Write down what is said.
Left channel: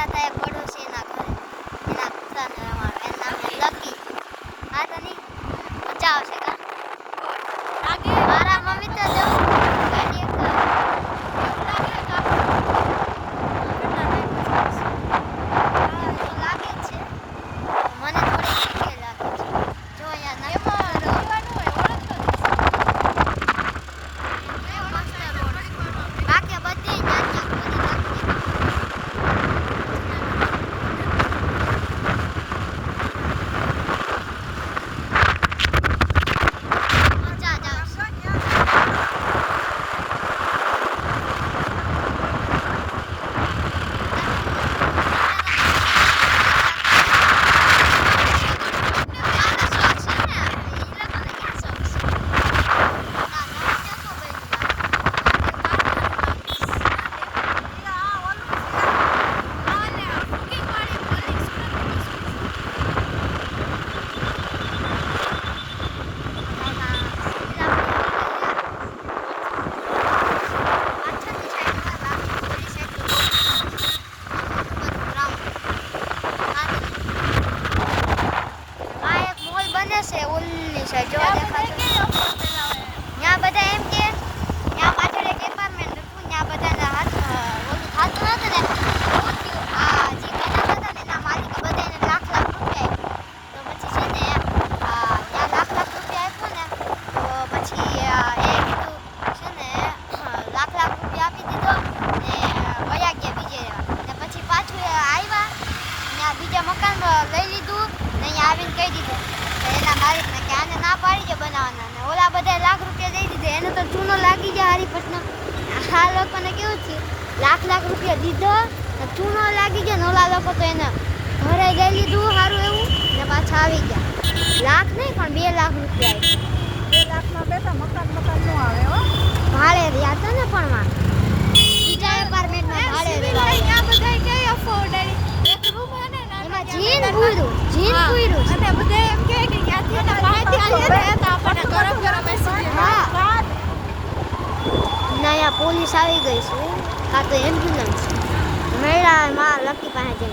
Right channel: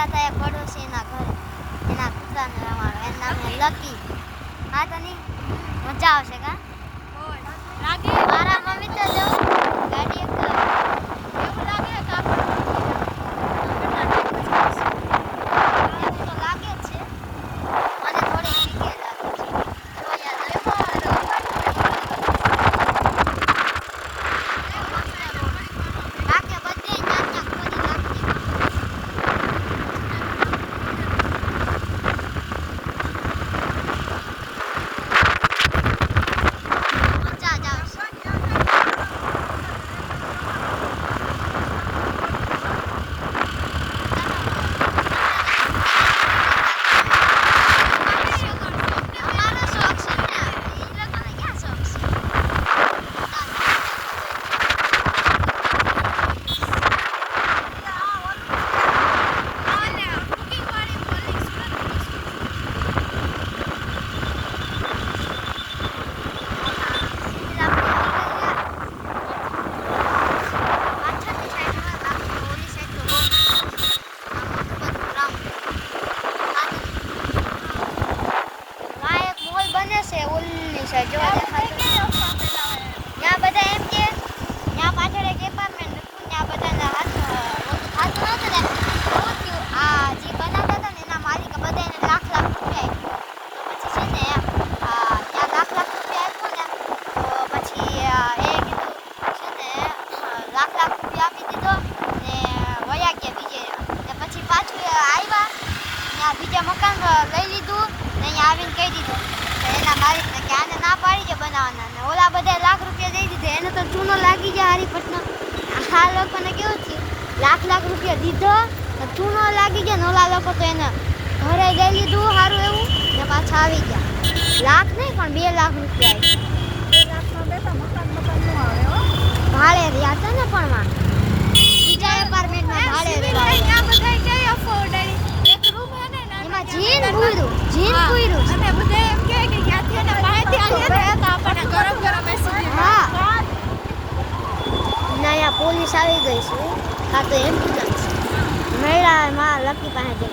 ગયા હતા એક પડોશીના ઘરે, એના કૂતરાને રમાડવા. એનું નામ છે લકી. હા તો નહીં મજા આવશે કા લાગે. મારા મમ્મી તો જો ગાડી એક એવું લાગે કે આપણે કેટલા ટાઈમ પછી એવું તો લાગે જ છે. મને થોડી શીખે લાગે છે. જો યાર બાકી બધી નાના કરી નાખી. મજા જ આવશે. જો ત્યાં બધા એમ કે ત્યાં પાછળ એક એપાર્ટમેન્ટ હતું, ત્યાં બધાના હાથ નહોતું ને આ જે બનાવતા હતા ને એના માલિક બધાને લાખ રૂપિયા આપ્યો. તો પછી છે ને ત્યાં લાખ રૂપિયા આપ્યો ને તો પછી એ કીધું છે ને લાખ રૂપિયા આપી દીધો ને વયા ગયા બીજે. ને પછી પાછું આવ્યા ત્યાં બીજા મકાન લઈ લીધું ને અહીંયા આવીને કહી દીધું એના માલિકને કે આને ના પાડી છે બનાવવાના. ને ઓલા બધા લાખ રૂપિયા દઈ દીધા, એને તો ચૂનો લાગી જાય હરીપટનો. આ લોકોને કેવું થયું, લાખ રૂપિયા દીધો ચૂનો લાગી જાય ને ઓલા લોકો તો એને ઘરે લઈ લીધું સારું એવું ને પાછા આવી ગયા. લાખ નહીં પણ 2 લાખ રૂપિયા ભાડે રહ્યા હતા ને. પણ માં બીજા એપાર્ટમેન્ટમાં ભાડે રહ્યા એમાં જીન પૂર્યું અને બધે એમ કે ક્યાંથી એના પાસેથી આવીએ તો આપણને ગરમ બેસી ગયા. હા ના અહીંયા પોલીસ આવી ગઈ છે, આ તો એમ્બ્યુલન્સ મેળામાં લકી પાસે